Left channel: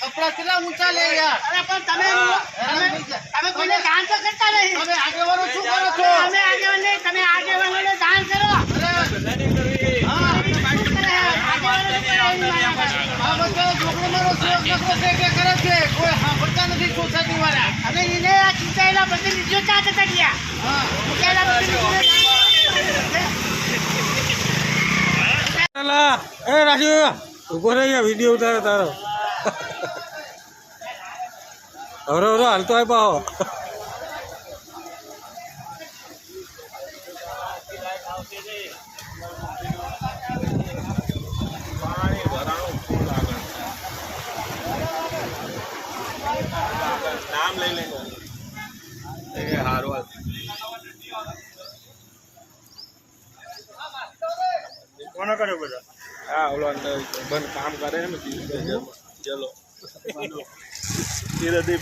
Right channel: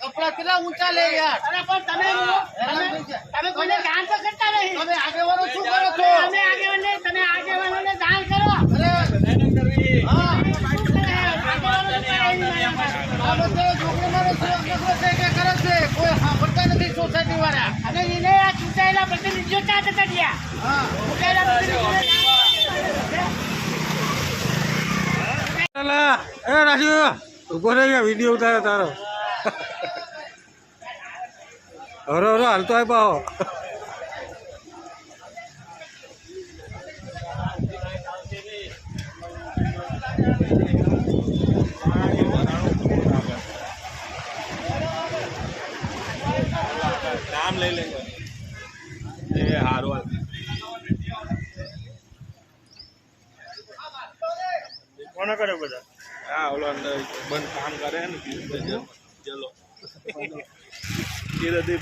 કપડા કેટલા ઊંચા લે યાર? અરે પણ તમે. તમે કોઈને તો કરતા નહીં. તમે આગેવાનો શું કરો છો? તમે આગેવાન નહીં તમે આગેવાનોને દાન કરો. અરે નહીં કરવી. હા આ બધા છોકરાનો નખરો છે કરે છે? કોઈ સાંભળતા નથી સોસાયટી વાળા. અને એને આ ચૂંટાયેલા પ્રતિનિધિઓ ક્યાં જતા ગયા? હા. ચૂંટાયેલા પ્રતિનિધિઓ એ રાખ્યો. ઊભો રહી ગયા વીડિયો ઉતારે તારો. હરો હરો હાલતો આય પાહો નામ લઈ લેજો એ હારું કોને કરે બધા હા ઓલો અંદર બંધ કામ કરે ને ચલો. ચીરદી